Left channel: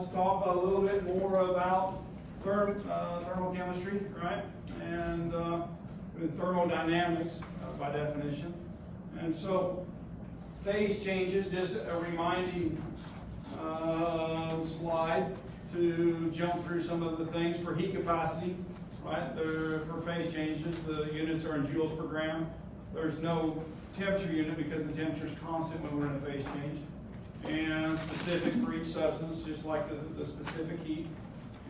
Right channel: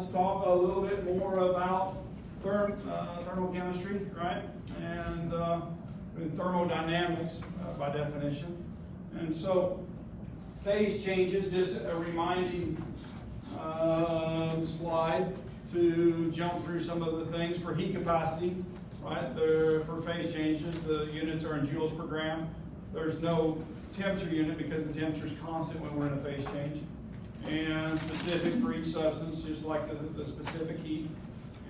let's talk a little bit more about thermochemistry, right? And thermodynamics by definition. And so phase changes, just a reminding slide to jump through some of the things for heat capacity, right? For phase changes, the units are in joules per gram. There's no temperature unit because the temperature is constant when we're in a phase change. And specific for each substance, just like the specific heat.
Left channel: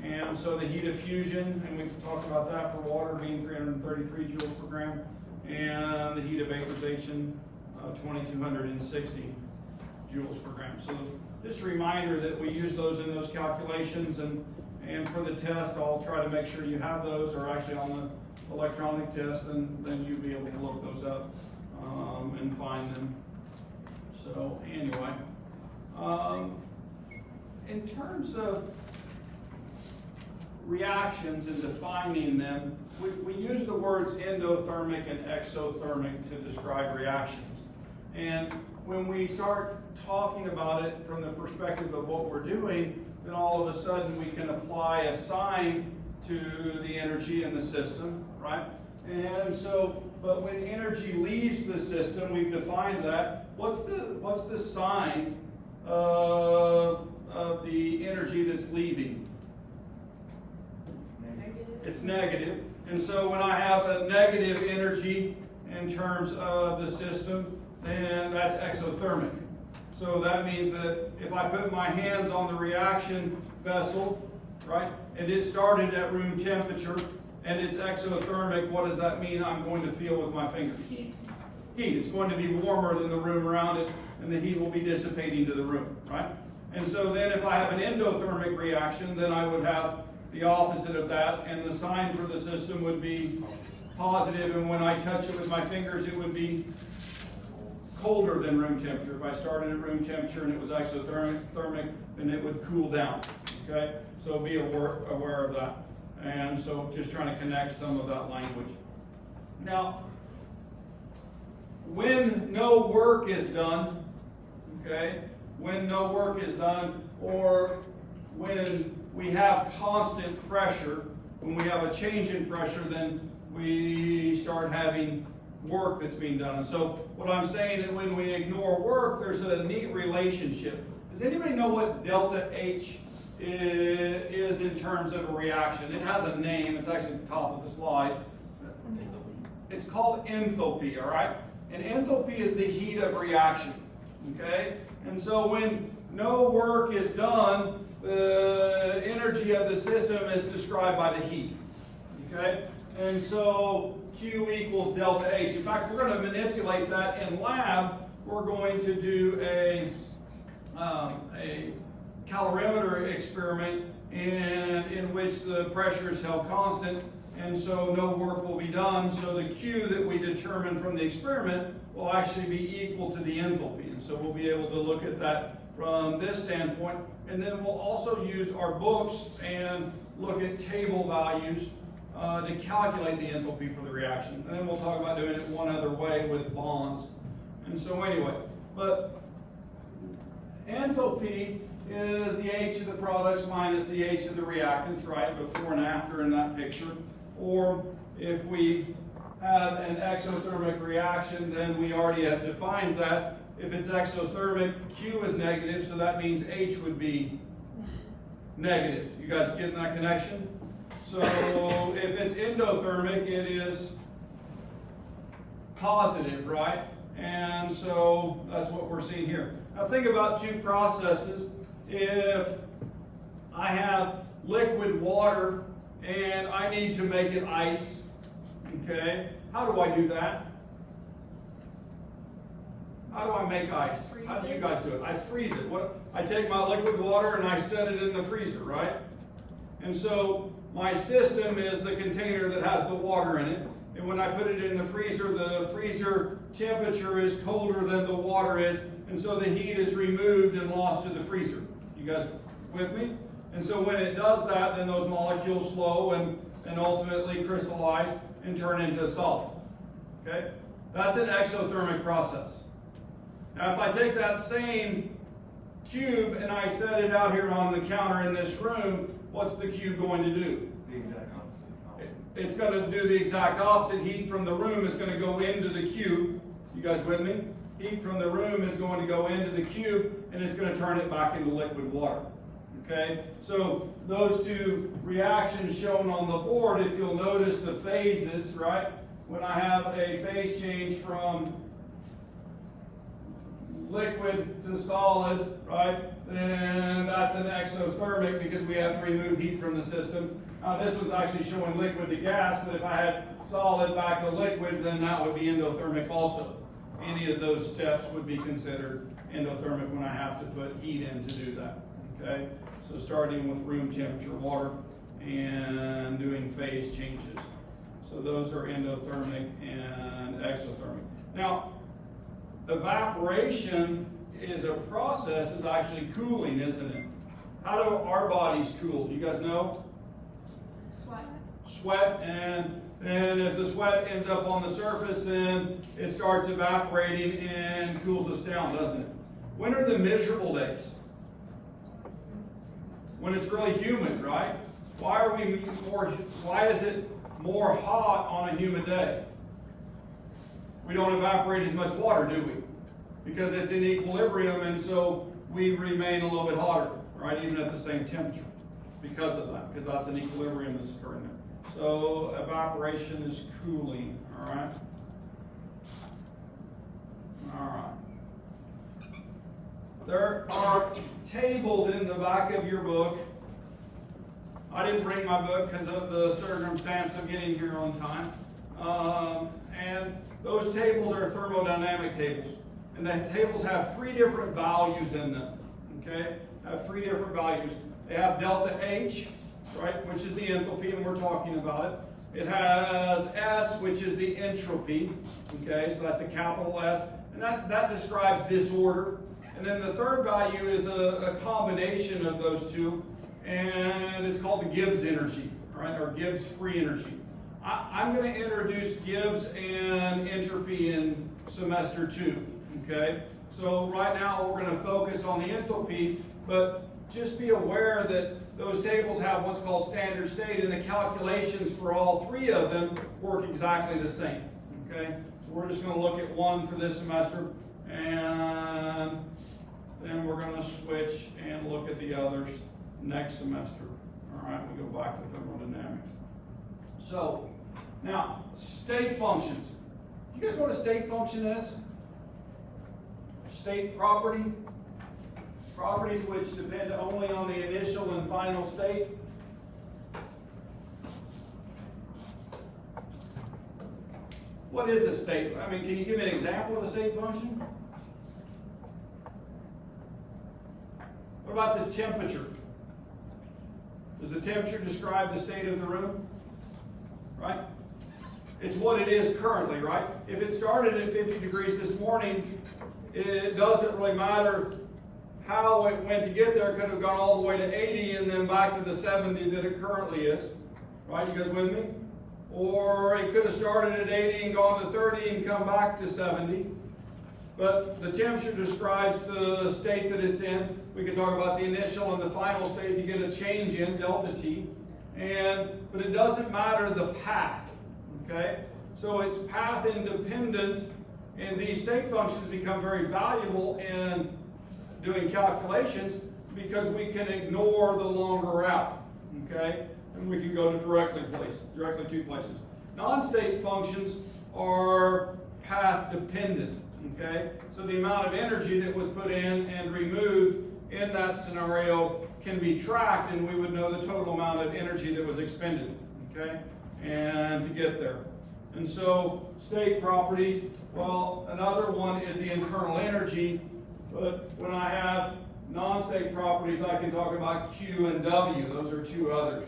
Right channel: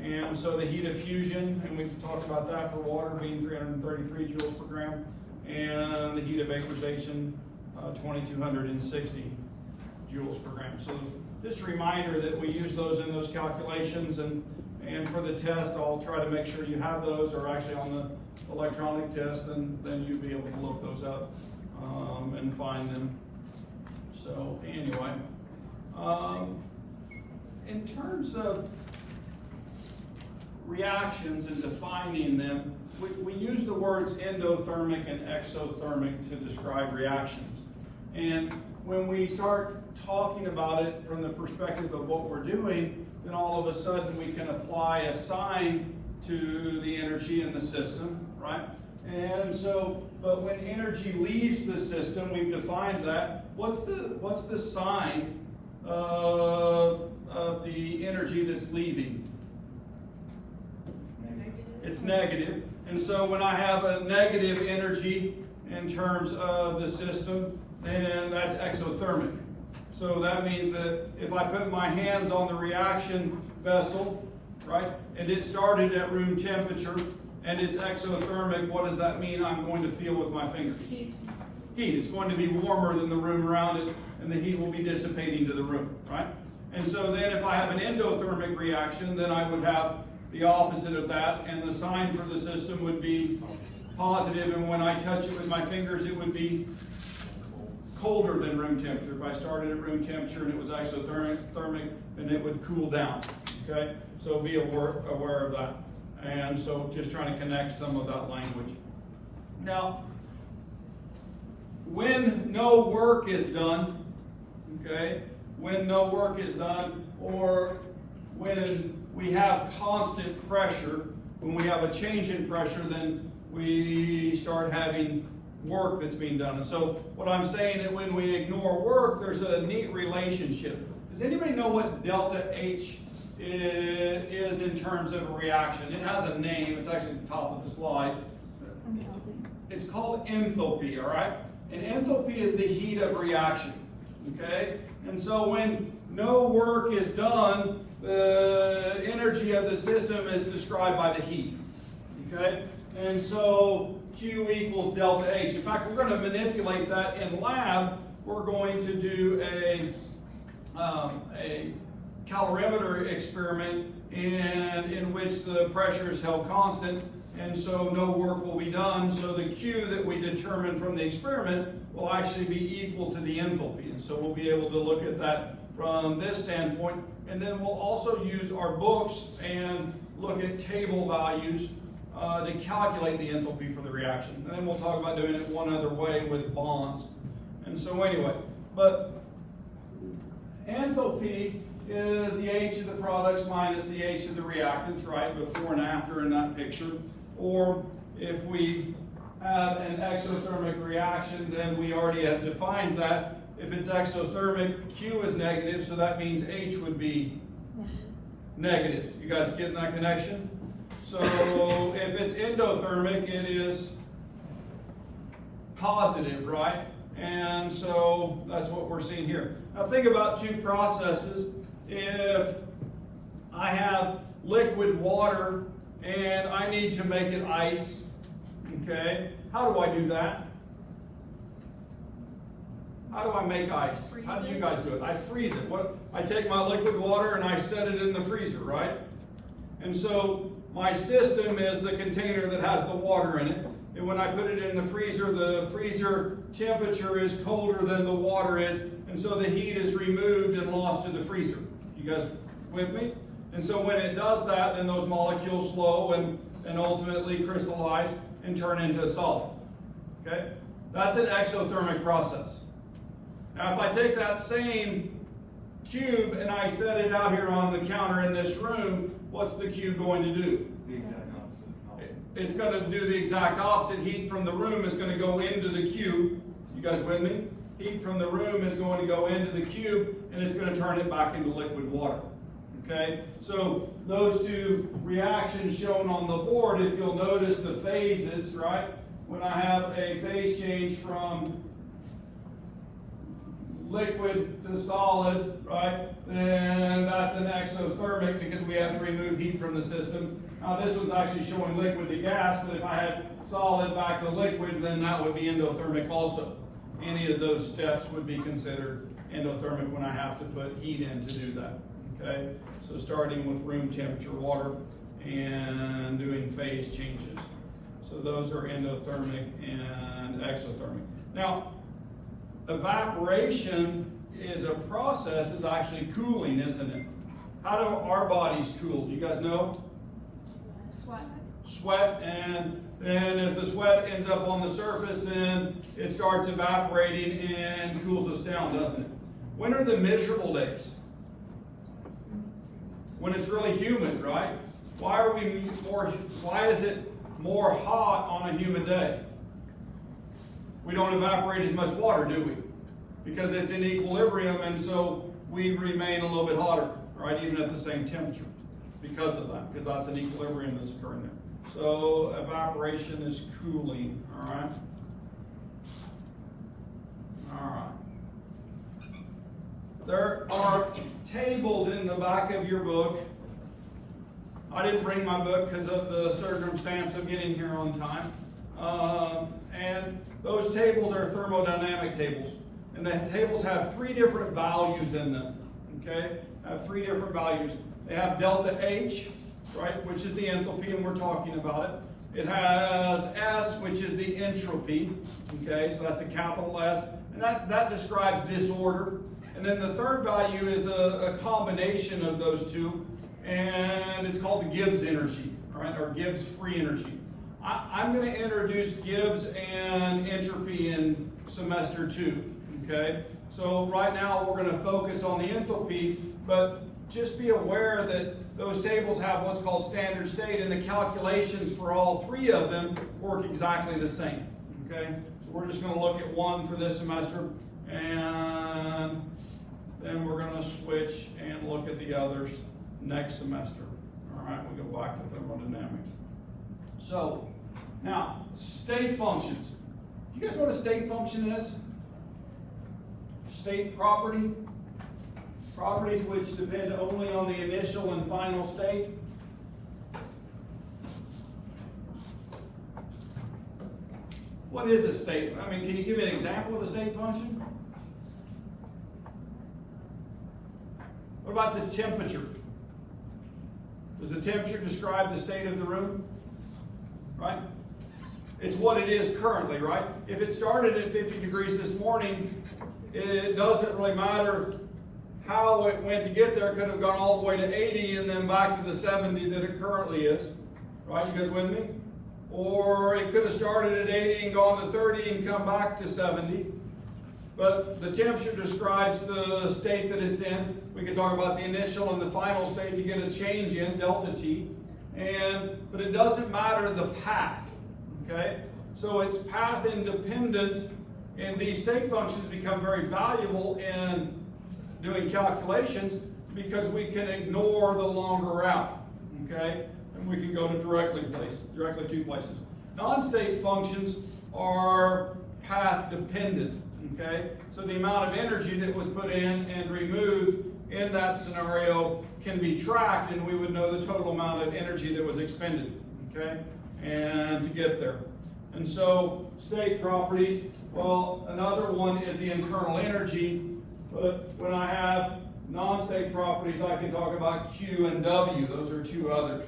And so the heat of fusion, and we've talked about that for water being 333 joules per gram, and the heat of vaporization, 2260 joules per gram. So just a reminder that we use those in those calculations, and for the test, I'll try to make sure you have those, or actually on the electronic test, and then you'll be able to look those up and find them. So anyway, in terms of reactions and defining them, we use the words endothermic and exothermic to describe reactions. And when we start talking about it from the perspective of what we're doing, then all of a sudden we can apply a sign to the energy in the system, right? And so, but when energy leaves the system, we've defined that. What's the sign of the energy that's leaving? It's negative. And so when I have a negative energy in terms of the system, then that's exothermic. So that means that if I put my hands on the reaction vessel, right, and it started at room temperature, and it's exothermic, what does that mean I'm going to feel with my fingers? Heat. It's going to be warmer than the room around it, and the heat will be dissipating to the room, right? And so then if I have an endothermic reaction, then I would have the opposite of that, and the sign for the system would be positive, and when I touch it with my fingers, it would be colder than room temperature. If I started at room temperature and it was exothermic, then it would cool down, okay? So be aware of that. And so just trying to connect some of that language. Now, when no work is done, okay, when no work is done, or when we have constant pressure, when we have a change in pressure, then we start having work that's being done. And so what I'm saying is when we ignore work, there's a neat relationship. Does anybody know what delta H is in terms of a reaction? It has a name. It's actually at the top of the slide. It's called enthalpy, all right? And enthalpy is the heat of reaction, okay? And so when no work is done, the energy of the system is described by the heat, okay? And so Q equals delta H. In fact, we're going to manipulate that in lab. We're going to do a calorimeter experiment in which the pressure is held constant, and so no work will be done. So the Q that we determine from the experiment will actually be equal to the enthalpy. And so we'll be able to look at that from this standpoint. And then we'll also use our books and look at table values to calculate the enthalpy for the reaction. And then we'll talk about doing it one other way with bonds. And so anyway, but enthalpy is the H of the products minus the H of the reactants, right? Before and after in that picture. Or if we have an exothermic reaction, then we already have defined that. If it's exothermic, Q is negative, so that means H would be negative. You guys getting that connection? So if it's endothermic, it is positive, right? And so that's what we're seeing here. Now think about two processes. If I have liquid water and I need to make it ice, okay, how do I do that? How do I make ice? How do you guys do it? I freeze it. I take my liquid water and I set it in the freezer, right? And so my system is the container that has the water in it. And when I put it in the freezer temperature is colder than the water is. And so the heat is removed and lost to the freezer. You guys with me? And so when it does that, then those molecules slow and ultimately crystallize and turn into a solid. Okay? That's an exothermic process. Now if I take that same cube and I set it out here on the counter in this room, what's the cube going to do? The exact opposite. It's going to do the exact opposite. Heat from the room is going to go into the cube. You guys with me? Heat from the room is going to go into the cube and it's going to turn it back into liquid water. Okay? So those two reactions shown on the board, if you'll notice the phases, right? When I have a phase change from liquid to solid, right? Then that's an exothermic because we have to remove heat from the system. Now this one's actually showing liquid to gas, but if I had solid back to liquid, then that would be endothermic also. Any of those steps would be considered endothermic when I have to put heat in to do that, okay? So starting with room temperature water and doing phase changes. So those are endothermic and exothermic. Now, evaporation is a process, is actually cooling, isn't it? How do our bodies cool? Do you guys know? Sweat, and then as the sweat ends up on the surface, then it starts evaporating and cools us down, doesn't it? When are the miserable days? When it's really humid, right? Why is it more hot on a humid day? We don't evaporate as much water, do we? Because it's in equilibrium, and so we remain a little bit hotter, right? Even at the same temperature because of that, because that's an equilibrium that's occurring there. So evaporation is cooling, all right? All right. There are tables in the back of your book. I didn't bring my book because of the circumstance of getting here on time. And those tables are thermodynamic tables. And the tables have 3 different values in them, okay? Have 3 different values. They have delta H, right, which is the enthalpy, and we're talking about it. It has S, which is the entropy, okay, so that's a capital S, and that describes disorder. And then the third value is a combination of those two, and it's called the Gibbs energy, all right, or Gibbs free energy. I'm going to introduce Gibbs and entropy in semester 2, okay? So right now we're going to focus on the enthalpy, but just be aware that those tables have what's called standard state, and the calculations for all 3 of them work exactly the same, okay? So we're just going to look at one for this semester, and then we're going to switch and look at the others next semester. All right, we go back to thermodynamics. So, now, state functions. Do you guys know what a state function is? State property. Properties which depend only on the initial and final state. What is a state? I mean, can you give me an example of a state function? What about the temperature? Does the temperature describe the state of the room? Right? It's what it is currently, right? If it started at 50 degrees this morning, it doesn't really matter how it went to get there. It could have gone all the way to 80 and then back to the 70 that it currently is. Right? You guys with me? Or it could have started at 80 and gone to 30 and come back to 70. But the temperature describes the state that it's in. We can talk about the initial and the final state to get a change in, delta T. But it doesn't matter the path, okay? So it's path independent, and these state functions become very valuable in doing calculations because we can ignore the longer route, okay? And we can go to directly to places. Non-state functions are path dependent. Okay, so the amount of energy that was put in and removed in that scenario can be tracked, and we would know the total amount of energy that was expended, okay, and to get there. And so state properties, well, another one is the internal energy, but when I have non-state properties, I can talk about Q and W. Those are 2 others.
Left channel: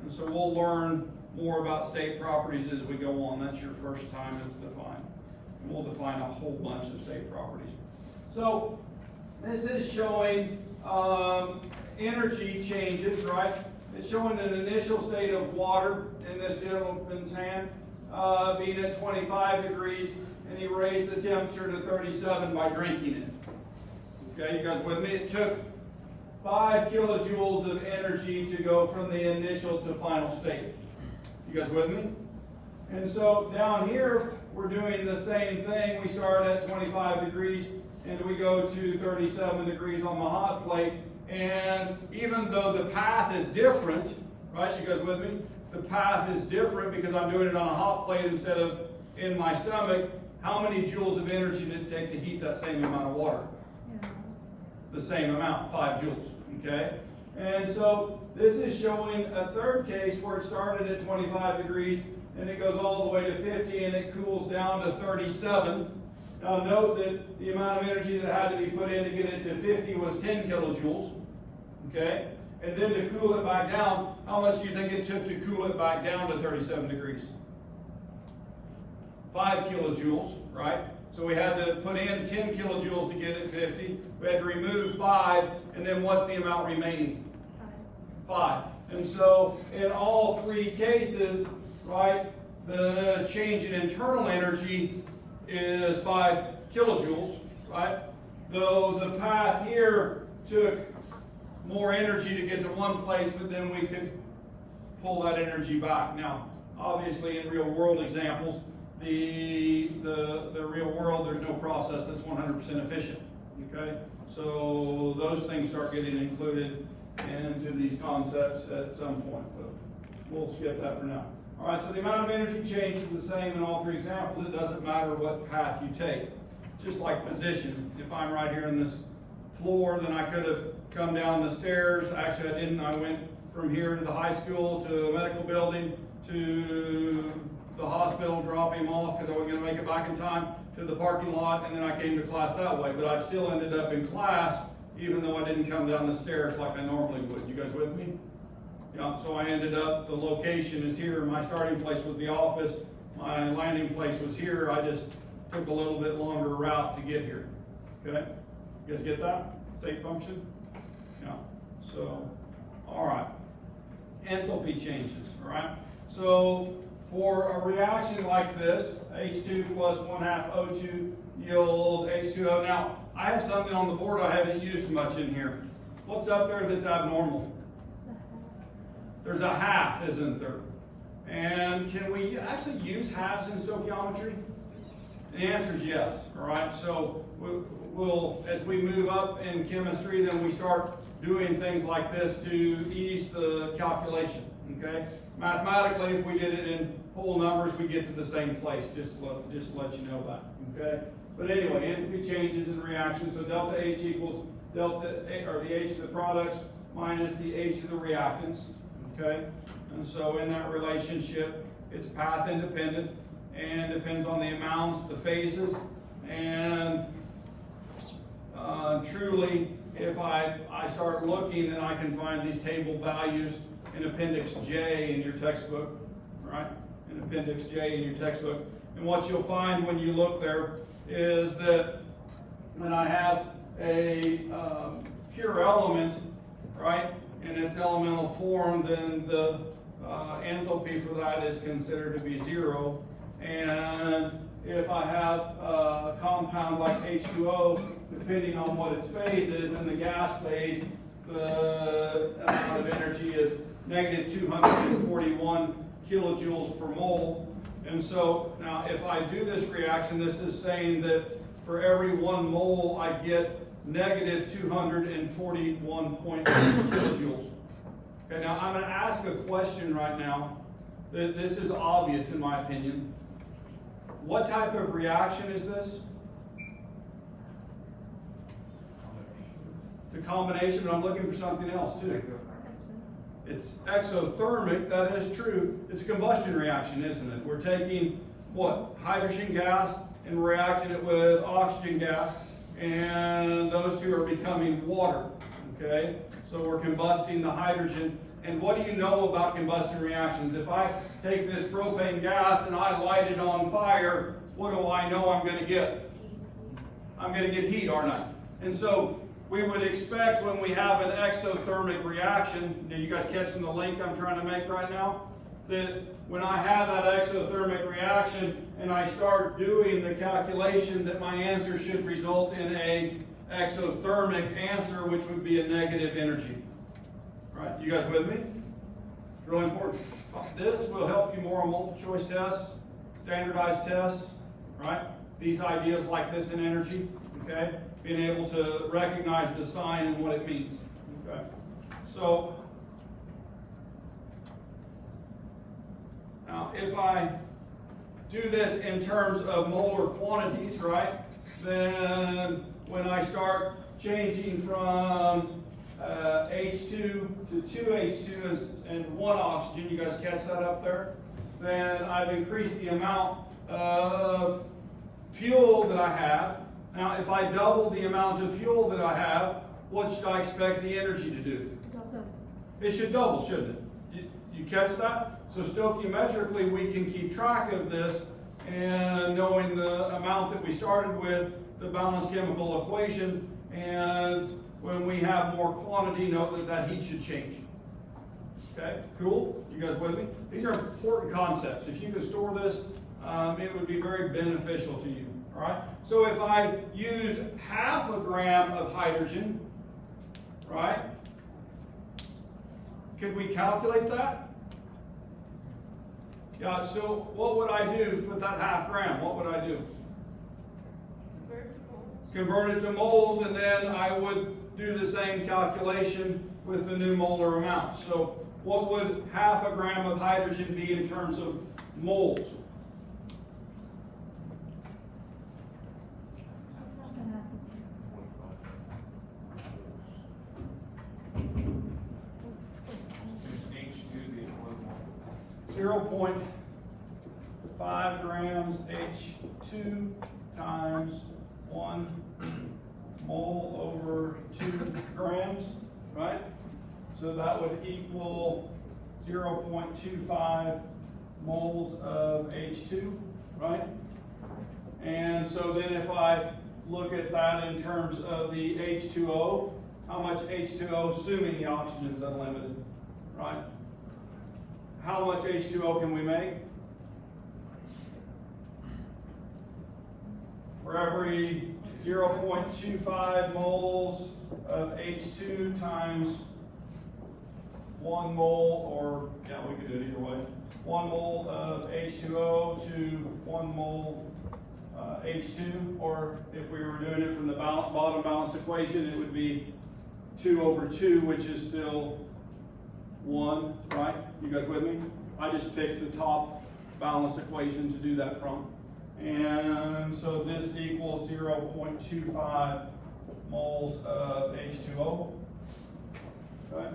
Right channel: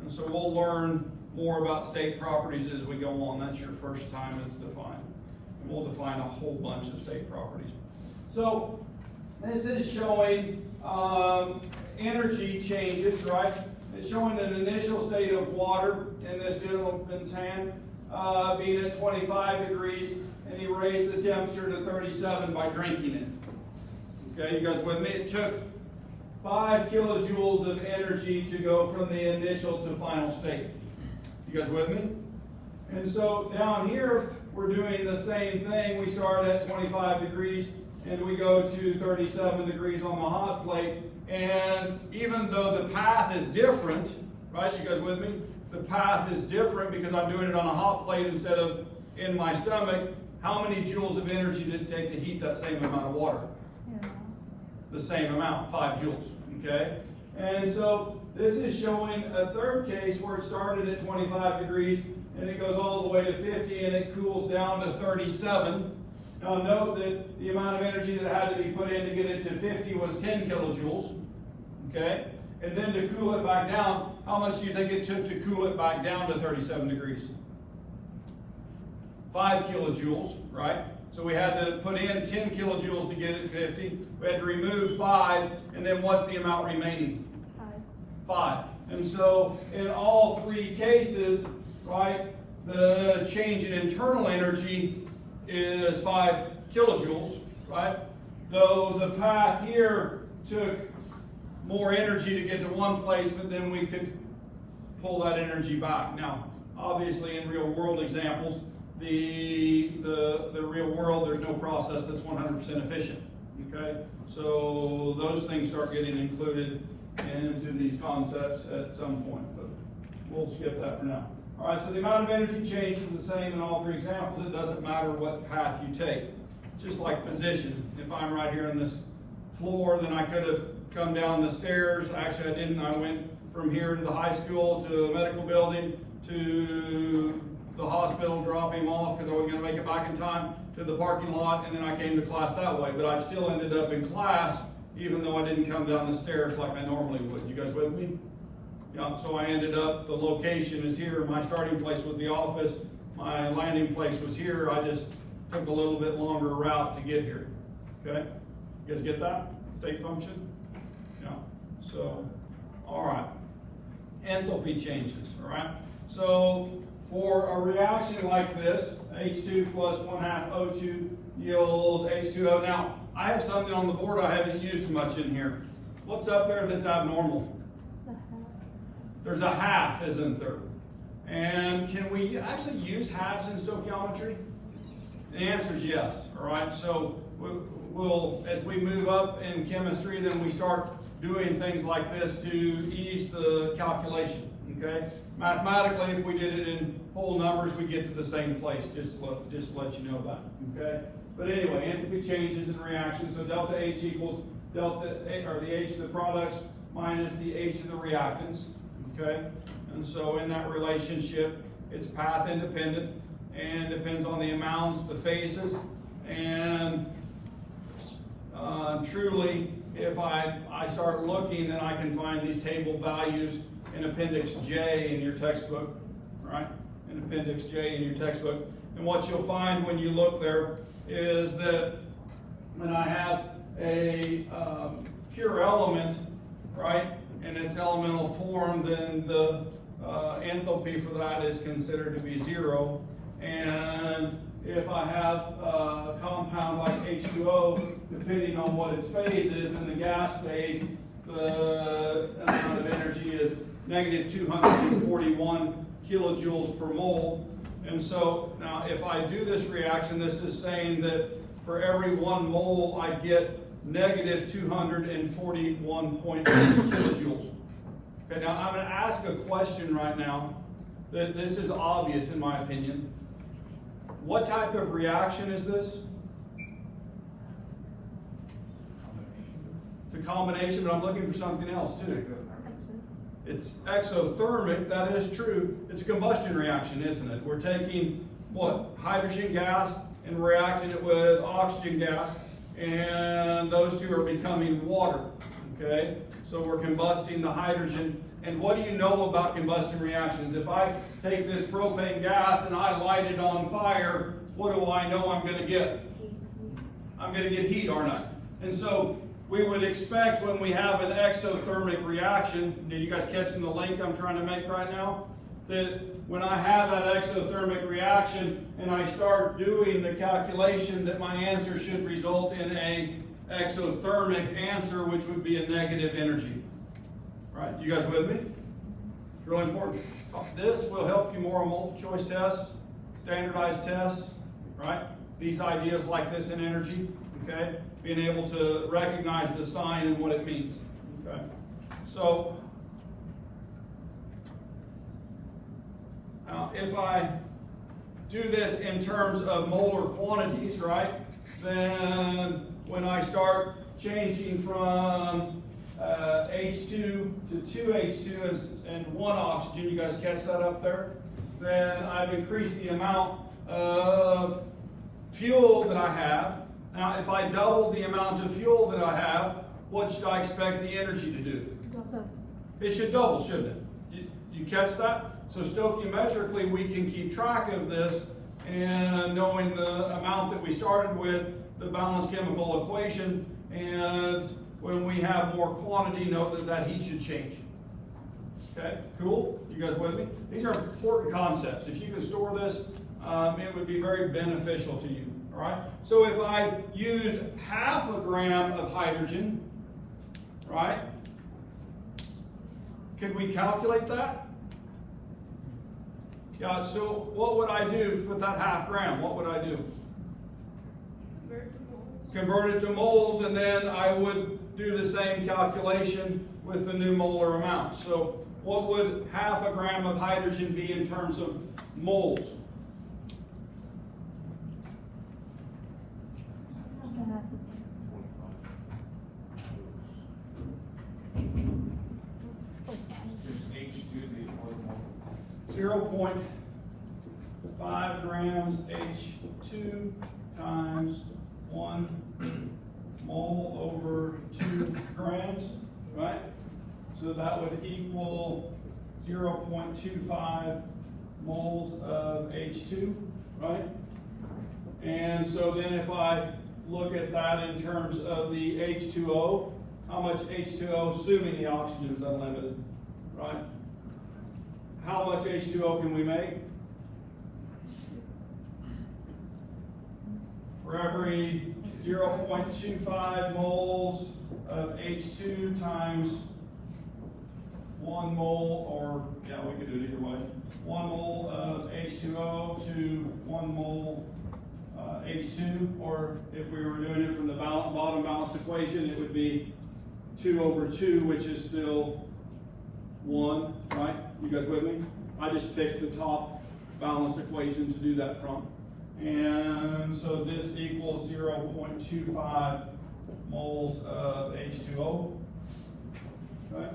And so we'll learn more about state properties as we go on. That's your first time it's defined. We'll define a whole bunch of state properties. So this is showing energy changes, right? It's showing an initial state of water in this gentleman's hand being at 25 degrees, and he raised the temperature to 37 by drinking it. Okay, you guys with me? It took 5 kilojoules of energy to go from the initial to final state. You guys with me? And so down here, we're doing the same thing. We start at 25 degrees and we go to 37 degrees on the hot plate. And even though the path is different, right, you guys with me? The path is different because I'm doing it on a hot plate instead of in my stomach. How many joules of energy did it take to heat that same amount of water? The same amount, 5 joules, okay? And so this is showing a third case where it started at 25 degrees and it goes all the way to 50 and it cools down to 37. Now note that the amount of energy that had to be put in to get it to 50 was 10 kilojoules, okay? And then to cool it back down, how much do you think it took to cool it back down to 37 degrees? 5 kilojoules, right? So we had to put in 10 kilojoules to get it 50. We had to remove 5, and then what's the amount remaining? 5. And so in all 3 cases, right, the change in internal energy is 5 kilojoules, right? Though the path here took more energy to get to one place, but then we could pull that energy back. Now, obviously in real world examples, the real world, there's no process that's 100% efficient, okay? So those things start getting included into these concepts at some point, but we'll skip that for now. All right, so the amount of energy change is the same in all 3 examples. It doesn't matter what path you take. Just like position. If I'm right here on this floor, then I could have come down the stairs. Actually, I didn't. I went from here to the high school, to a medical building, to the hospital, drop him off because I wasn't going to make it back in time, to the parking lot, and then I came to class that way. But I still ended up in class, even though I didn't come down the stairs like I normally would. You guys with me? Yeah, so I ended up, the location is here. My starting place was the office. My landing place was here. I just took a little bit longer route to get here. Okay? You guys get that? State function? Yeah. So, all right. Enthalpy changes, all right? So, for a reaction like this, H2 plus 1/2 O2 yields H2O. Now, I have something on the board I haven't used much in here. What's up there that's abnormal? There's a half, isn't there? And can we actually use halves in stoichiometry? The answer is yes, all right? So we'll, as we move up in chemistry, then we start doing things like this to ease the calculation, okay? Mathematically, if we did it in whole numbers, we get to the same place, just to let you know that, okay? But anyway, enthalpy changes in reaction, so delta H equals delta, or the H of the products minus the H of the reactants, okay? And so in that relationship, it's path independent and depends on the amounts, the phases, and truly, if I start looking, then I can find these table values in Appendix J in your textbook, right? In Appendix J in your textbook. And what you'll find when you look there is that when I have a pure element, right, in its elemental form, then the enthalpy for that is considered to be 0. And if I have a compound like H2O, depending on what its phase is, in the gas phase, the amount of energy is negative 241 kilojoules per mole. And so now if I do this reaction, this is saying that for every 1 mole, I get negative 241.8 kilojoules. Okay, now I'm going to ask a question right now that this is obvious in my opinion. What type of reaction is this? It's a combination, but I'm looking for something else too. It's exothermic, that is true. It's a combustion reaction, isn't it? We're taking, what, hydrogen gas and reacting it with oxygen gas, and those two are becoming water, okay? So we're combusting the hydrogen. And what do you know about combustion reactions? If I take this propane gas and I light it on fire, what do I know I'm going to get? I'm going to get heat, aren't I? And so we would expect when we have an exothermic reaction, are you guys catching the link I'm trying to make right now? That when I have that exothermic reaction and I start doing the calculation, that my answer should result in a exothermic answer, which would be a negative energy. Right? You guys with me? It's really important. This will help you more on multiple choice tests, standardized tests, right? These ideas like this in energy, okay? Being able to recognize the sign and what it means, okay? So, now if I do this in terms of molar quantities, right? Then when I start changing from H2 to 2H2 and 1 oxygen, you guys catch that up there? Then I've increased the amount of fuel that I have. Now, if I double the amount of fuel that I have, what should I expect the energy to do? It should double, shouldn't it? You catch that? So stoichiometrically, we can keep track of this, and knowing the amount that we started with, the balanced chemical equation, and when we have more quantity, note that that heat should change. Okay, cool? You guys with me? These are important concepts. If you could store this, it would be very beneficial to you. All right? So if I used half a gram of hydrogen, right? Could we calculate that? Yeah, so what would I do with that half gram? What would I do? Convert it to moles, and then I would do the same calculation with the new molar amount. So what would half a gram of hydrogen be in terms of moles? .5 grams H2 times 1 mole over 2 grams, right? So that would equal 0.25 moles of H2, right? And so then if I look at that in terms of the H2O, how much H2O, assuming the oxygen is unlimited, right? How much H2O can we make? For every 0.25 moles of H2 times 1 mole, or yeah, we could do it either way. 1 mole of H2O to 1 mole H2, or if we were doing it from the bottom balanced equation, it would be 2 over 2, which is still 1, right? You guys with me? I just picked the top balanced equation to do that from. And so this equals 0.25 moles of H2O, right?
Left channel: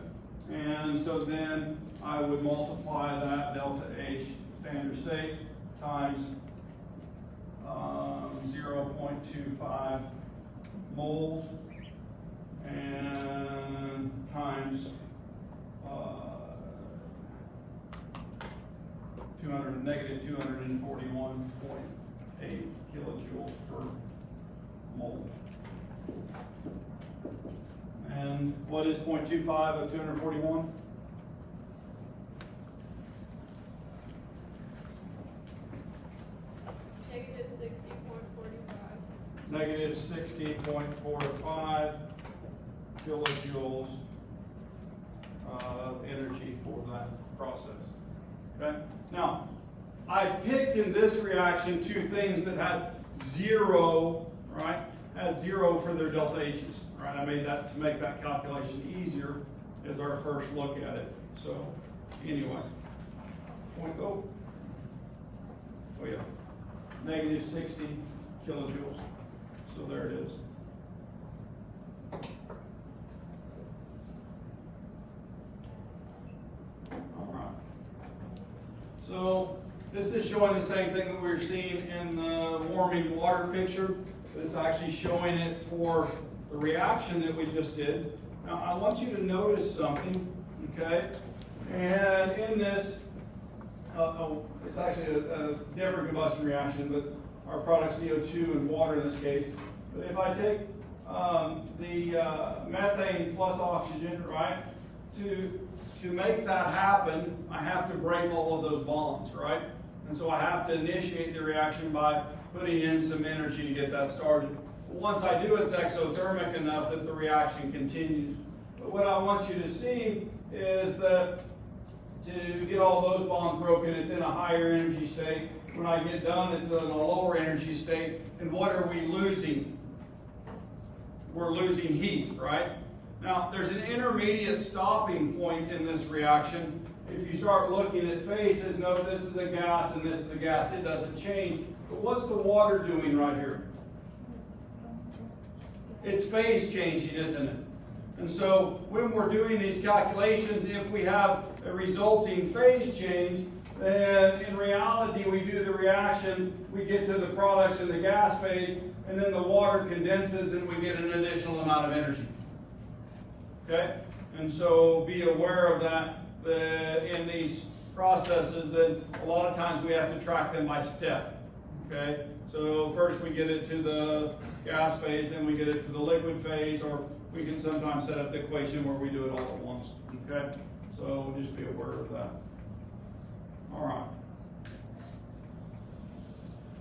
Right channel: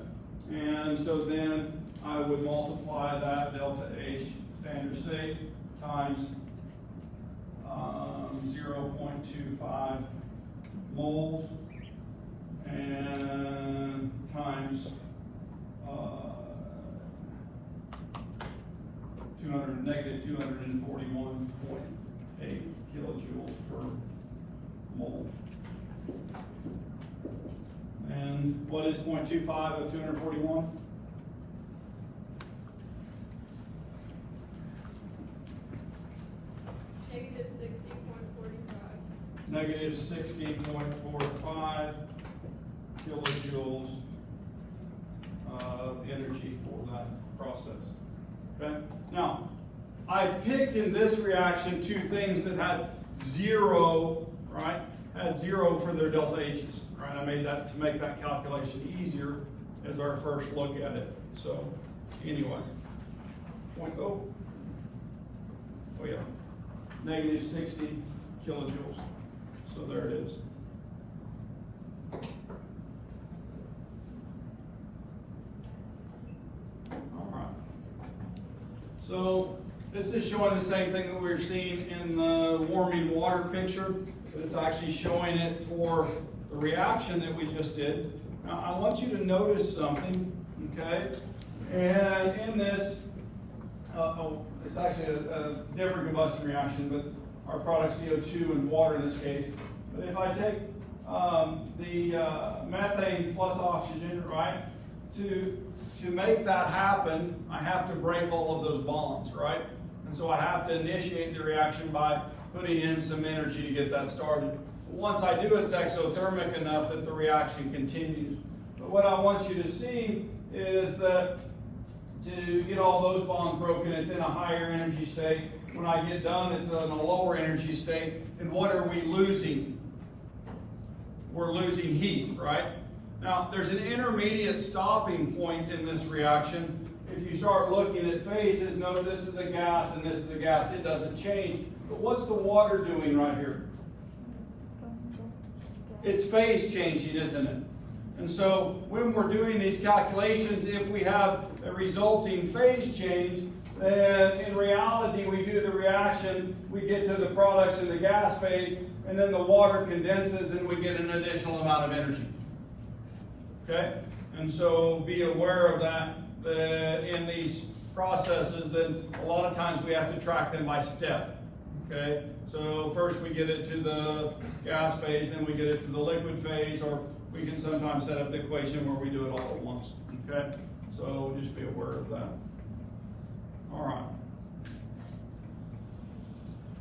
And so then I would multiply that delta H standard state times 0.25 moles and times negative 241.8 kilojoules per mole. And what is 0.25 of 241? Negative 16.45 kilojoules of energy for that process. Okay? Now, I picked in this reaction two things that had 0, right? Had 0 for their delta H's, right? I made that to make that calculation easier as our first look at it. So, anyway, oh yeah, negative 60 kilojoules. So there it is. All right. So this is showing the same thing that we were seeing in the warming water picture, but it's actually showing it for the reaction that we just did. Now I want you to notice something, okay? And in this, it's actually a different combustion reaction, but our product CO2 and water in this case. But if I take the methane plus oxygen, right, to make that happen, I have to break all of those bonds, right? And so I have to initiate the reaction by putting in some energy to get that started. But once I do, it's exothermic enough that the reaction continues. But what I want you to see is that to get all those bonds broken, it's in a higher energy state. When I get done, it's in a lower energy state. And what are we losing? We're losing heat, right? Now, there's an intermediate stopping point in this reaction. If you start looking at phases, note this is a gas and this is a gas. It doesn't change. But what's the water doing right here? It's phase changing, isn't it? And so when we're doing these calculations, if we have a resulting phase change, then in reality we do the reaction, we get to the products in the gas phase, and then the water condenses and we get an additional amount of energy. Okay? And so be aware of that in these processes, then a lot of times we have to track them by step. Okay? So first we get it to the gas phase, then we get it to the liquid phase, or we can sometimes set up the equation where we do it all at once. Okay? So just be aware of that. All right.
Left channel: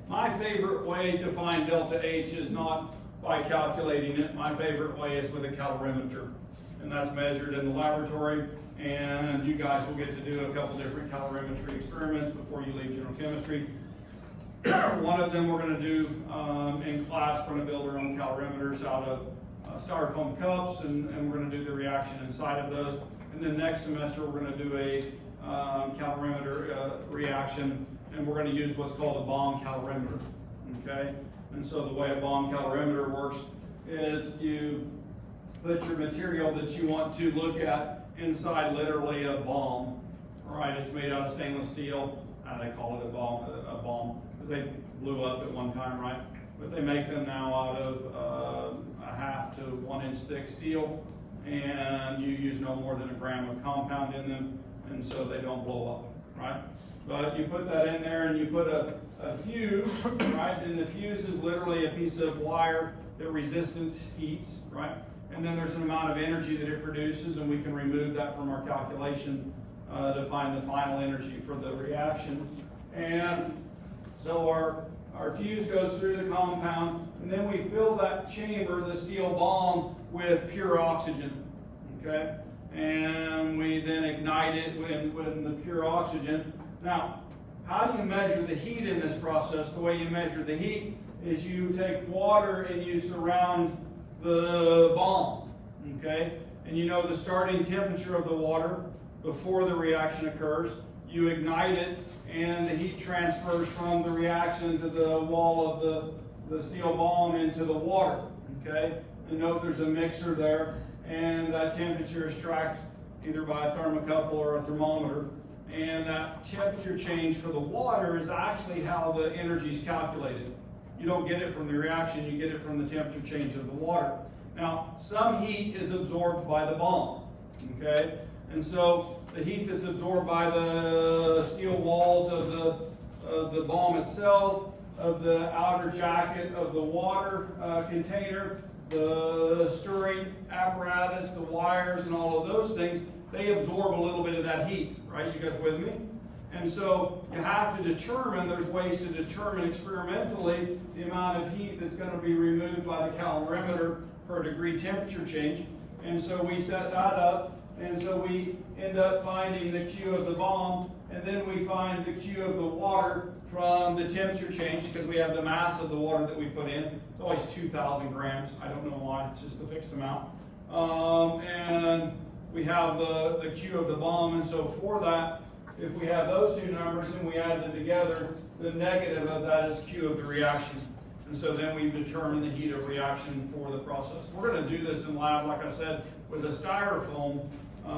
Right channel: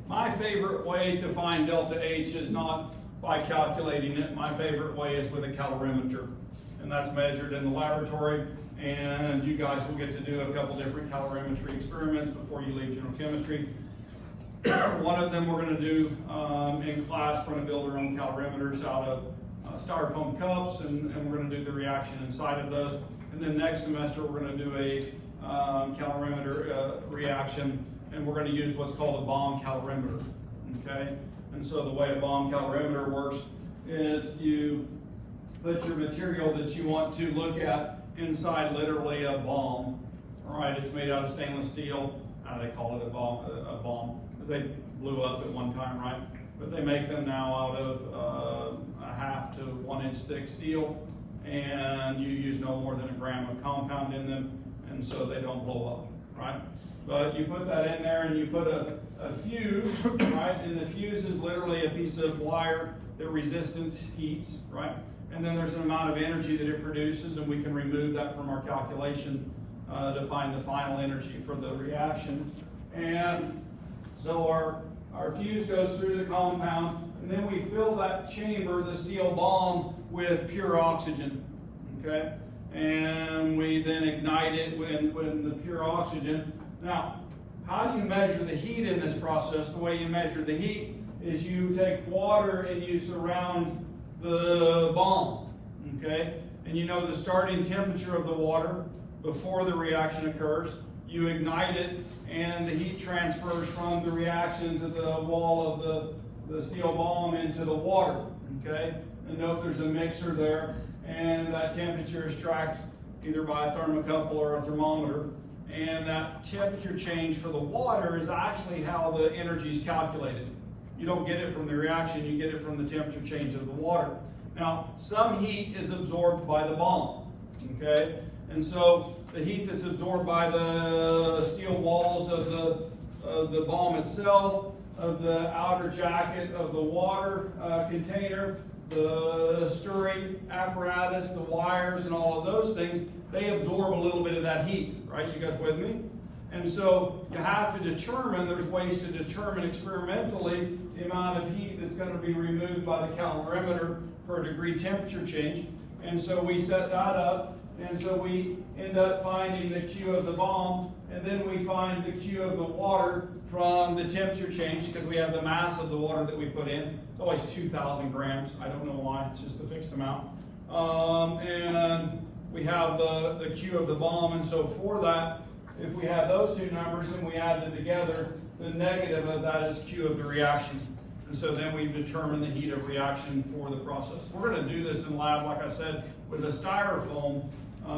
My favorite way to find delta H is not by calculating it. My favorite way is with a calorimeter. And that's measured in the laboratory. And you guys will get to do a couple different calorimetry experiments before you leave general chemistry. One of them we're going to do in class. We're going to build our own calorimeters out of styrofoam cups, and we're going to do the reaction inside of those. And then next semester we're going to do a calorimeter reaction, and we're going to use what's called a bomb calorimeter. Okay? And so the way a bomb calorimeter works is you put your material that you want to look at inside literally a bomb. All right, it's made out of stainless steel. They call it a bomb because they blew up at one time, right? But they make them now out of a 1/2 to 1 inch thick steel, and you use no more than 1 gram of compound in them, and so they don't blow up, right? But you put that in there and you put a fuse, right? And the fuse is literally a piece of wire that resistant heats, right? And then there's an amount of energy that it produces, and we can remove that from our calculation to find the final energy for the reaction. And so our fuse goes through the compound, and then we fill that chamber, the steel bomb, with pure oxygen, okay? And we then ignite it with the pure oxygen. Now, how do you measure the heat in this process? The way you measure the heat is you take water and you surround the bomb, okay? And you know the starting temperature of the water before the reaction occurs. You ignite it, and the heat transfers from the reaction to the wall of the steel bomb into the water, okay? And note there's a mixer there, and that temperature is tracked either by a thermocouple or a thermometer. And that temperature change for the water is actually how the energy is calculated. You don't get it from the reaction, you get it from the temperature change of the water. Now, some heat is absorbed by the bomb, okay? And so the heat that's absorbed by the steel walls of the bomb itself, of the outer jacket of the water container, the stirring apparatus, the wires, and all of those things, they absorb a little bit of that heat, right? You guys with me? And so you have to determine, there's ways to determine experimentally the amount of heat that's going to be removed by the calorimeter per degree temperature change. And so we set that up, and so we end up finding the Q of the bomb, and then we find the Q of the water from the temperature change, because we have the mass of the water that we put in. It's always 2,000 grams. I don't know why, it's just a fixed amount. And we have the Q of the bomb, and so for that, if we have those two numbers and we add them together, the negative of that is Q of the reaction. And so then we determine the heat of reaction for the process. We're going to do this in lab, like I said, with a styrofoam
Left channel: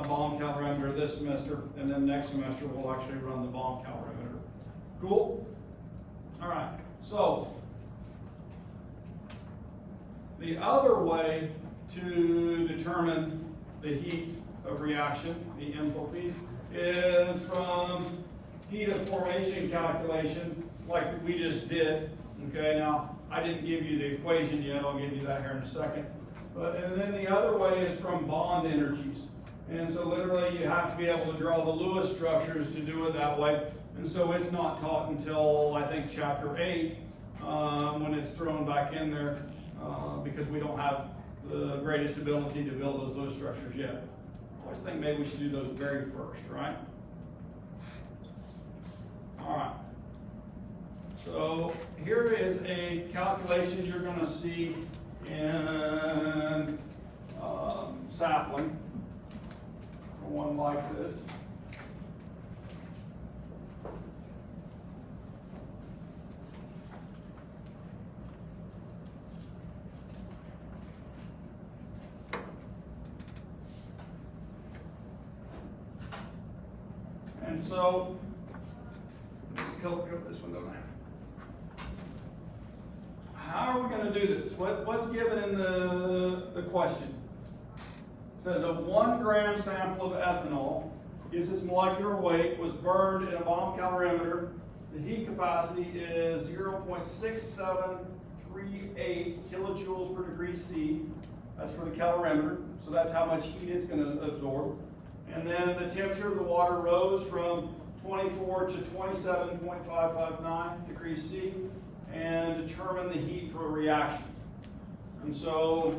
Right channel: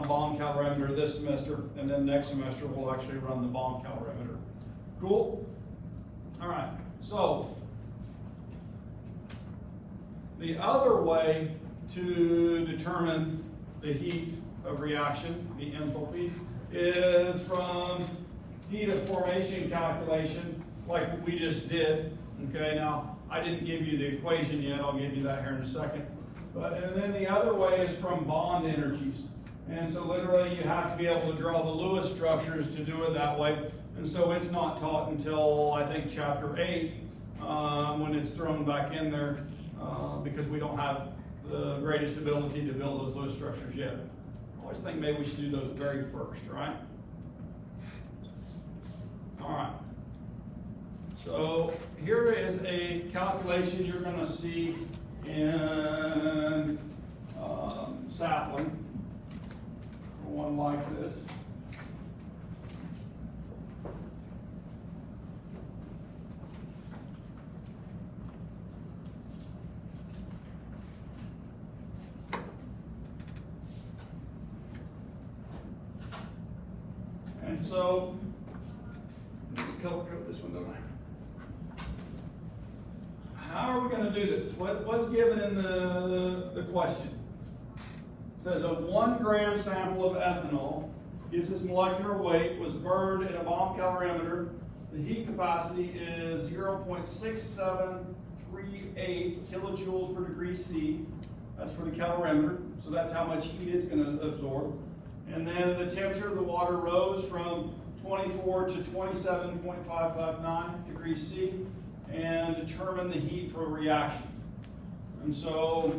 bomb calorimeter this semester, and then next semester we'll actually run the bomb calorimeter. Cool? All right. So the other way to determine the heat of reaction, the enthalpy, is from heat of formation calculation, like we just did. Okay, now I didn't give you the equation yet. I'll give you that here in a second. And then the other way is from bond energies. And so literally you have to be able to draw the Lewis structures to do it that way. And so it's not taught until, I think, chapter 8, when it's thrown back in there because we don't have the greatest ability to build those low structures yet. I always think maybe we should do those very first, right? All right. So here is a calculation you're going to see in sapling, one like this. And so, cover this one, don't I? How are we going to do this? What's given in the question? It says a 1 gram sample of ethanol gives its molecular weight, was burned in a bomb calorimeter. The heat capacity is 0.6738 kilojoules per degree C. That's for the calorimeter, so that's how much heat it's going to absorb. And then the temperature of the water rose from 24 to 27.559 degrees C, and determine the heat for a reaction. And so,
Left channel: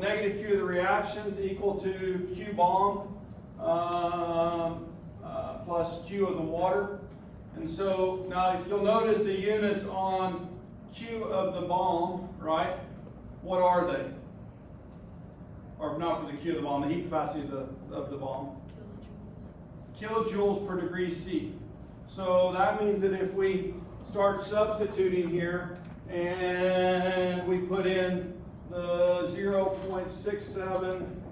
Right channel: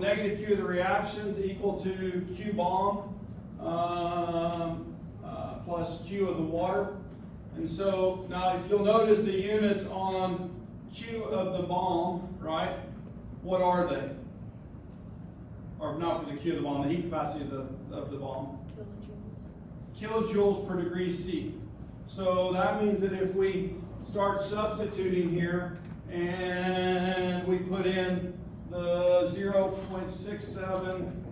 negative Q of the reaction is equal to Q bomb plus Q of the water. And so now if you'll notice the units on Q of the bomb, right, what are they? Or not for the Q of the bomb, the heat capacity of the bomb. Kilojoules per degree C. So that means that if we start substituting here and we put in the 0.67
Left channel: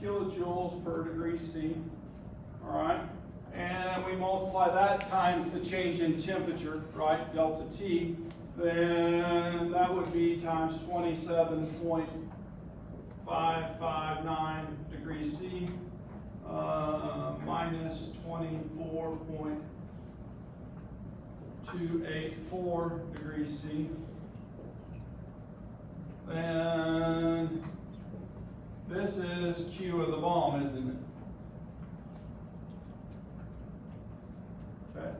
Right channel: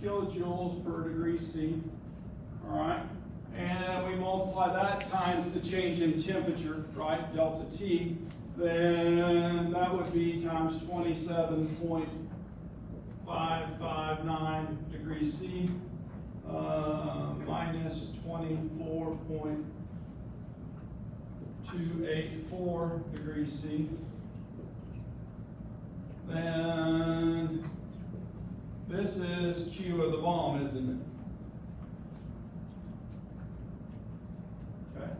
kilojoules per degree C, all right, and we multiply that times the change in temperature, right, delta T, then that would be times 27.559 degrees C minus 24.284 degrees C. And this is Q of the bomb, isn't it? Okay.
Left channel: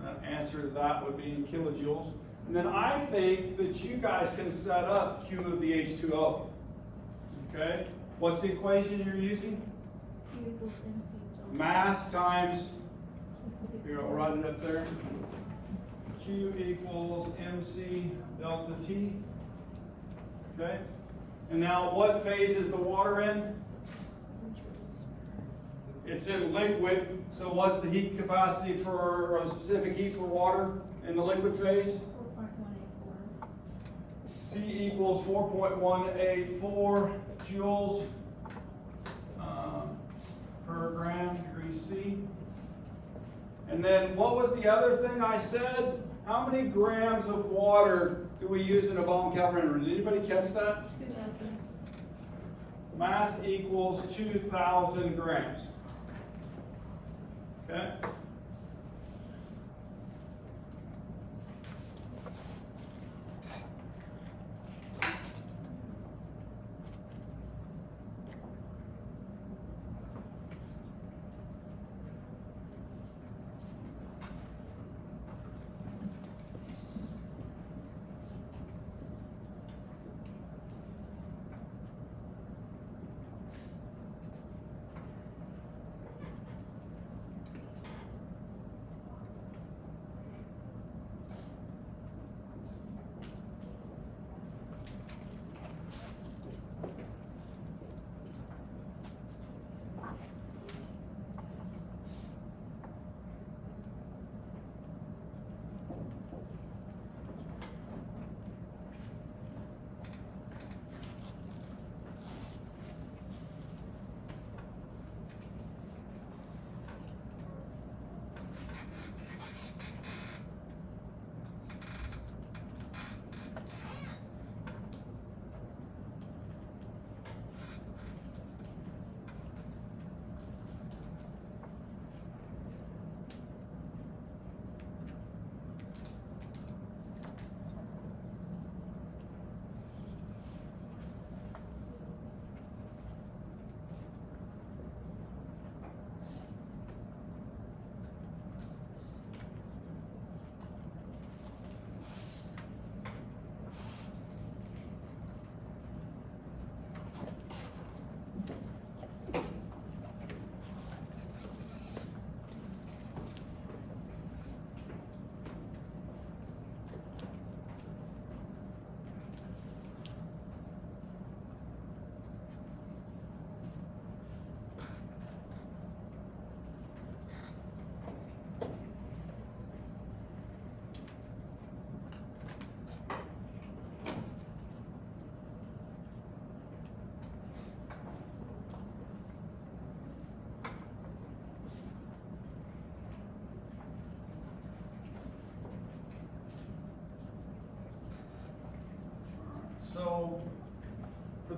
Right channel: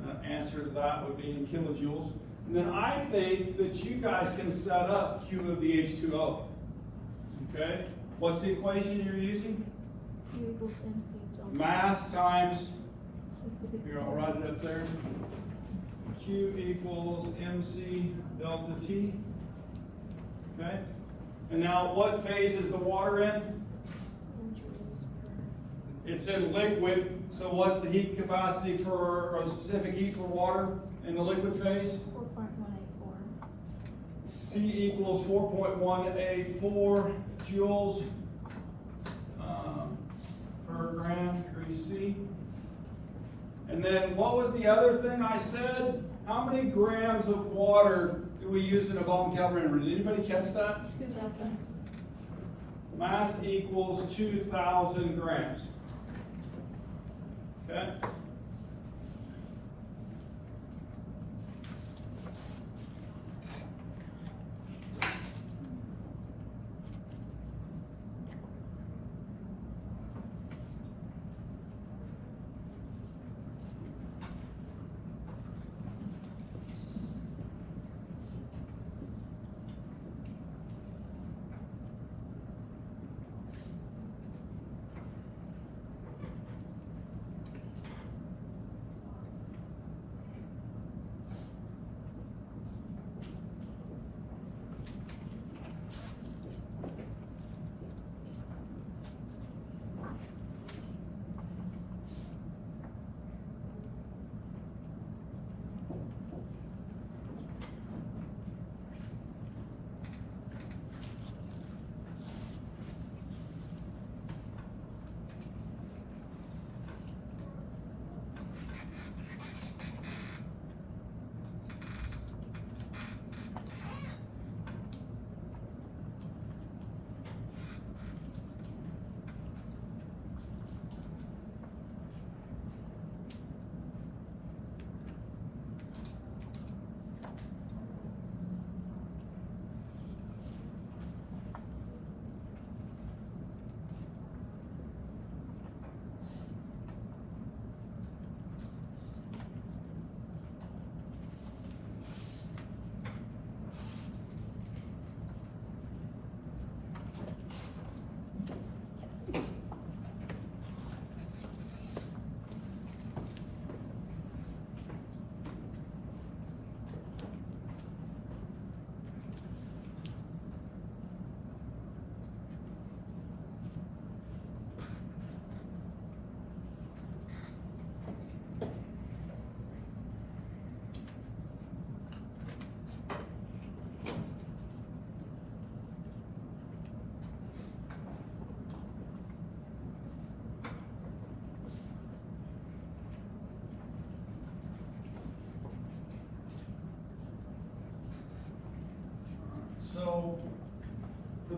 That answer to that would be in kilojoules. And then I think that you guys can set up Q of the H2O. Okay? What's the equation you're using? Mass times, here, I'll write it up there. Q equals MC delta T. Okay? And now what phase is the water in? It's in liquid. So what's the heat capacity for, or a specific heat for water in the liquid phase? 4.184. C equals 4.184 joules per gram degree C. And then what was the other thing I said? How many grams of water do we use in a bomb calorimeter? Did anybody catch that? 2,000. Mass equals 2,000 grams. Okay?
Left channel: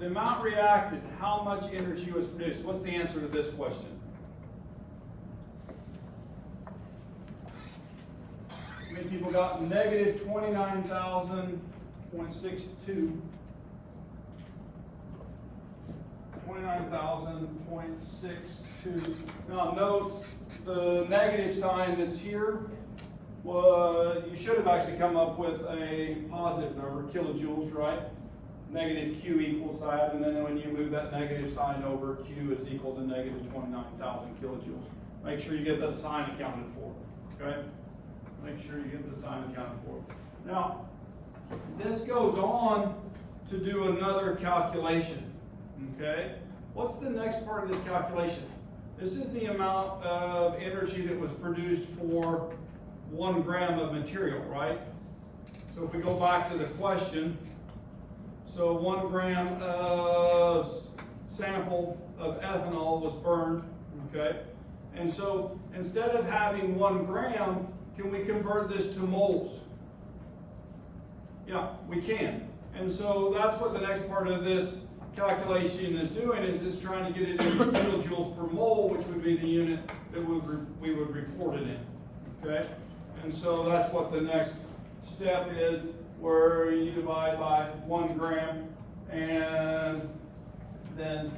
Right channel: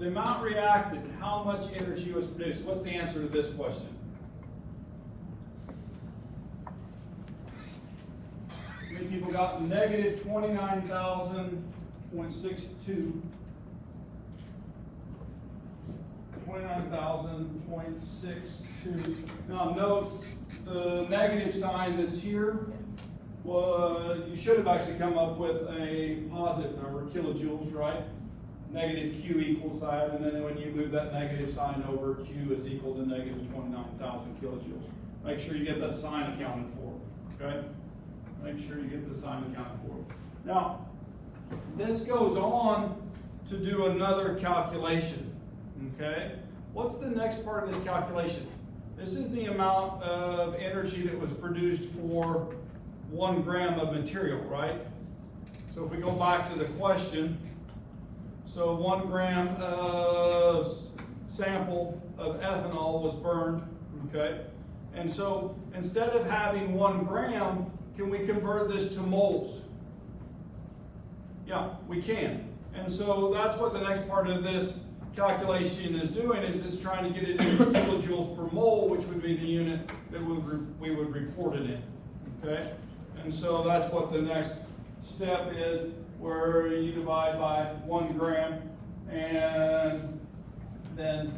the amount reacted, how much energy was produced? What's the answer to this question? How many people got negative 29,000.62? 29,000.62. Now note the negative sign that's here. Well, you should have actually come up with a positive number, kilojoules, right? Negative Q equals that, and then when you move that negative sign over, Q is equal to negative 29,000 kilojoules. Make sure you get that sign accounted for, okay? Make sure you get the sign accounted for. Now, this goes on to do another calculation, okay? What's the next part of this calculation? This is the amount of energy that was produced for 1 gram of material, right? So if we go back to the question, so 1 gram of sample of ethanol was burned, okay? And so instead of having 1 gram, can we convert this to moles? Yeah, we can. And so that's what the next part of this calculation is doing, is it's trying to get it in kilojoules per mole, which would be the unit that we would report it in, okay? And so that's what the next step is, where you divide by 1 gram and then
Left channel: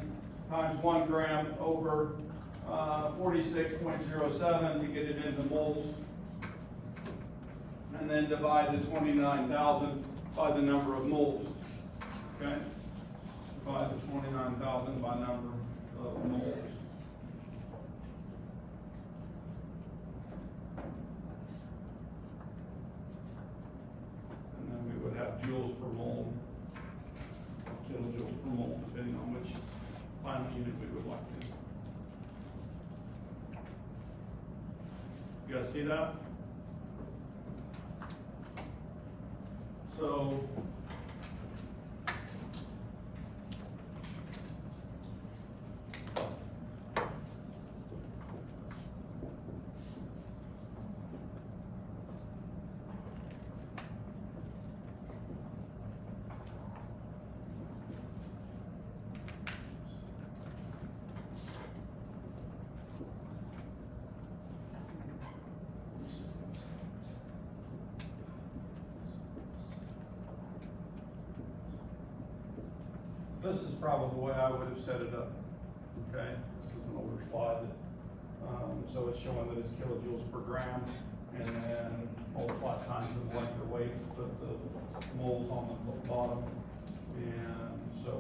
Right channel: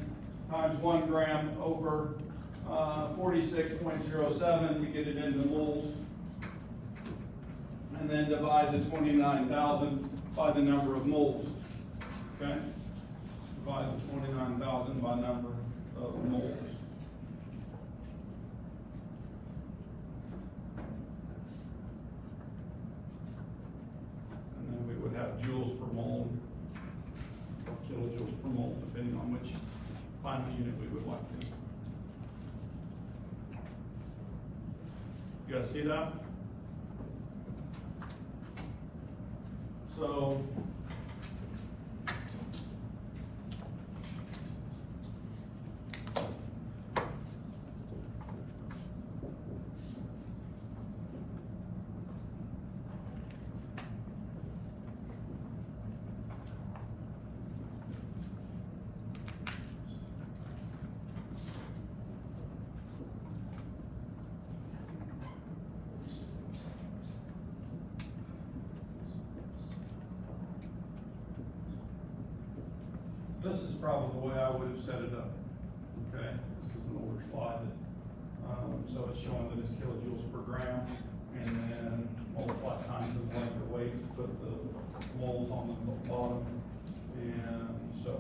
times 1 gram over 46.07 to get it into moles, and then divide the 29,000 by the number of moles, okay? Divide the 29,000 by number of moles. And then we would have joules per mole, or kilojoules per mole, depending on which final unit we would like to. You guys see that? So, this is probably the way I would have set it up, okay? This is an older slide, so it's showing that it's kilojoules per gram, and then multiply times the molecular weight, put the moles on the bottom, and so,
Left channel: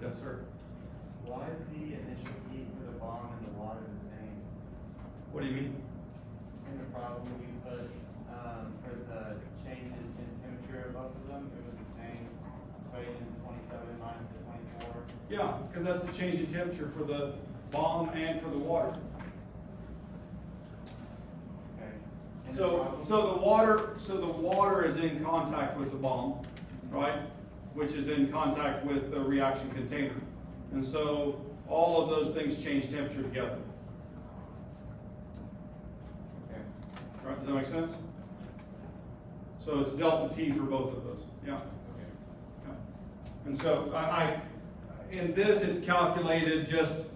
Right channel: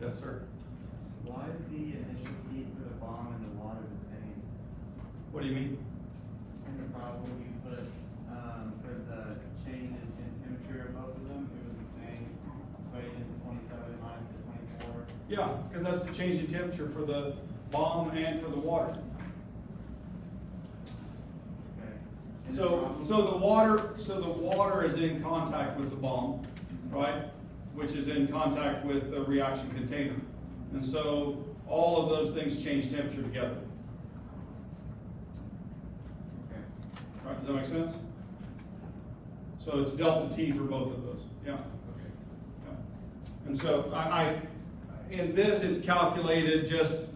yes, sir. Why is the initial heat for the bomb and the water the same? What do you mean? In the problem you put for the change in temperature of both of them, it was the same, equated to 27 minus the 24. Yeah, because that's the change in temperature for the bomb and for the water. Okay. So the water is in contact with the bomb, right? Which is in contact with the reaction container. And so all of those things change temperature together. Okay. Right, does that make sense? So it's delta T for both of those, yeah. Yeah. And so in this it's calculated just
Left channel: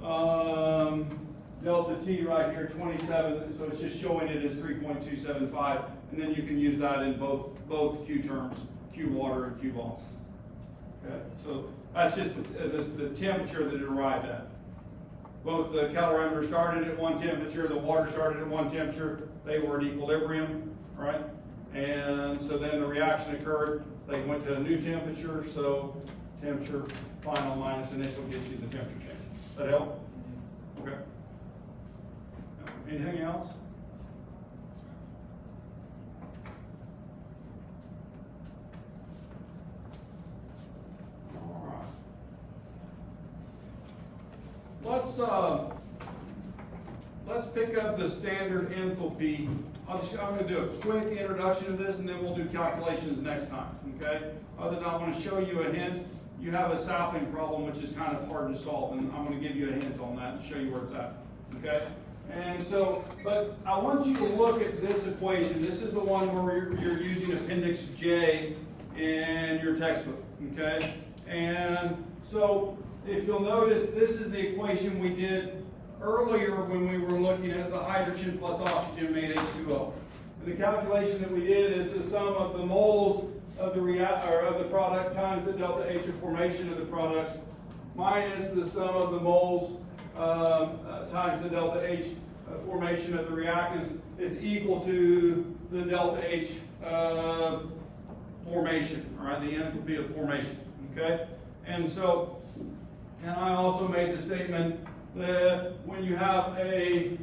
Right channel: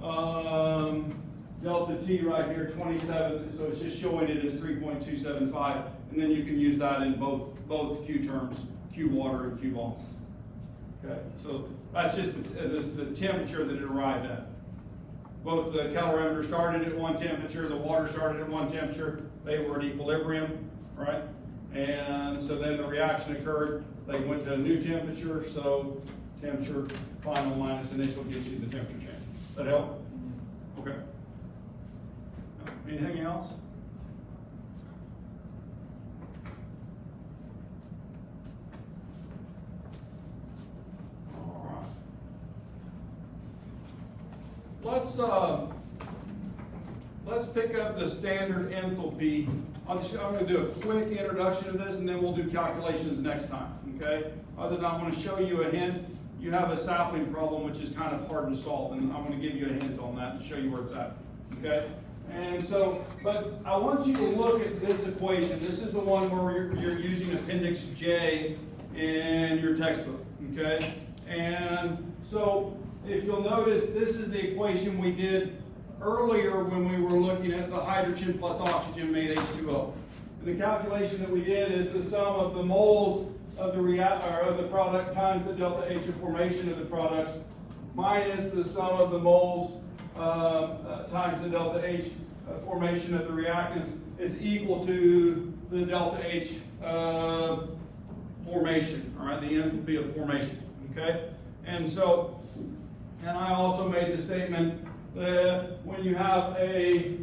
delta T right here, 27, so it's just showing it as 3.275, and then you can use that in both Q terms. Q water and Q bomb. Okay, so that's just the temperature that it arrived at. Both the calorimeter started at one temperature, the water started at one temperature, they were at equilibrium, right? And so then the reaction occurred, they went to a new temperature, so temperature final minus initial gives you the temperature change. Does that help? Okay. Anything else? let's pick up the standard enthalpy. I'm going to do a quick introduction of this, and then we'll do calculations next time, okay? Other than I want to show you a hint. You have a sapling problem, which is kind of hard to solve, and I'm going to give you a hint on that and show you where it's at, okay? And so, but I want you to look at this equation. This is the one where you're using Appendix J in your textbook, okay? And so, if you'll notice, this is the equation we did earlier when we were looking at the hydrogen plus oxygen made H2O. And the calculation that we did is the sum of the moles of the product times the delta H of formation of the products minus the sum of the moles times the delta H formation of the reactants is equal to the delta H formation, all right, the enthalpy of formation, okay? And so, and I also made the statement that when you have a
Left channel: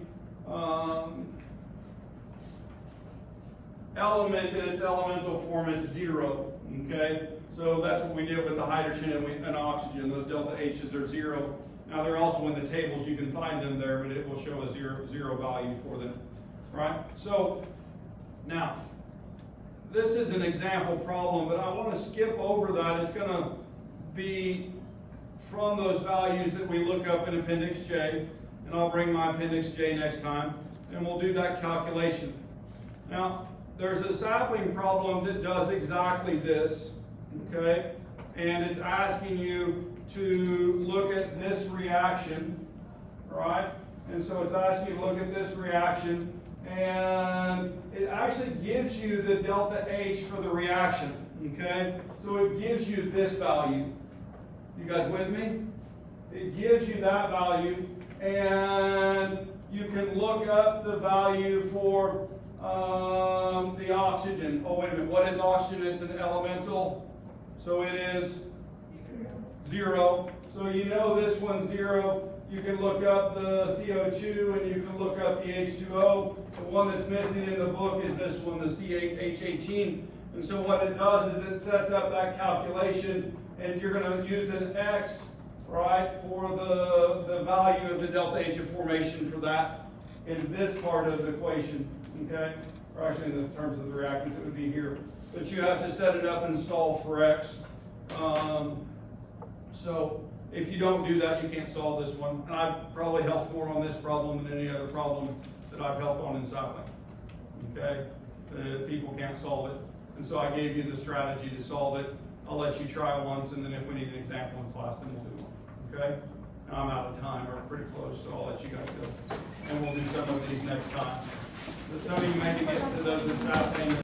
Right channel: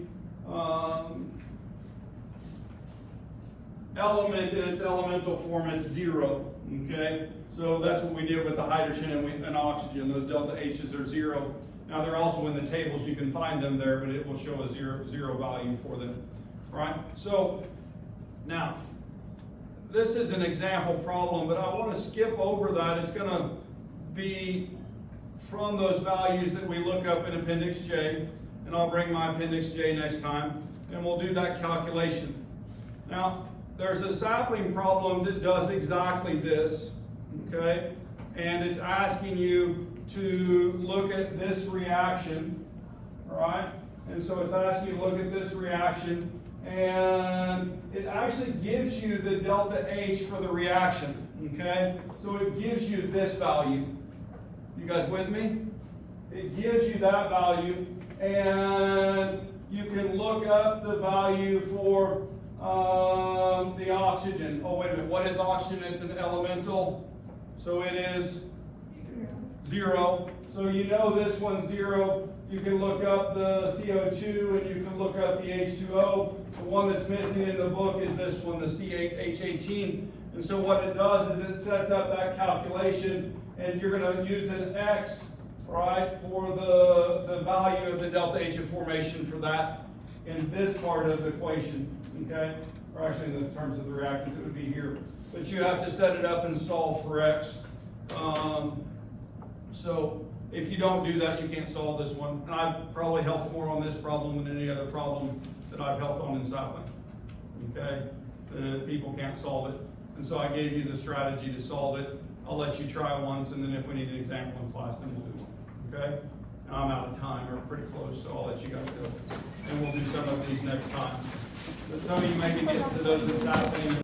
element in its elemental form, it's zero, okay? So that's what we did with the hydrogen and oxygen. Those delta H's are zero. Now they're also in the tables, you can find them there, but it will show a zero value for them, right? So now, this is an example problem, but I want to skip over that. It's going to be from those values that we look up in Appendix J, and I'll bring my Appendix J next time, and we'll do that calculation. Now, there's a sapling problem that does exactly this, okay? And it's asking you to look at this reaction, all right? And so it's asking you to look at this reaction, and it actually gives you the delta H for the reaction, okay? So it gives you this value. You guys with me? It gives you that value, and you can look up the value for the oxygen. Oh, wait a minute. What is oxygen? It's an elemental. So it is 0. So you know this one's 0. You can look up the CO2 and you can look up the H2O. The one that's missing in the book is this one, the CHE114. And so what it does is it sets up that calculation, and you're going to use an X, right, for the value of the delta H of formation for that in this part of the equation. Okay, or actually in the terms of the reactants, it would be here. But you have to set it up and solve for X. So if you don't do that, you can't solve this one. And I've probably helped more on this problem than any other problem that I've helped on in sapling. Okay, people can't solve it. And so I gave you the strategy to solve it. I'll let you try once, and then if we need an example in class, then we'll do one. Okay? And I'm out of time, we're pretty close, so I'll let you guys go. And we'll do some of these next time. But some of you maybe get to those in sapling.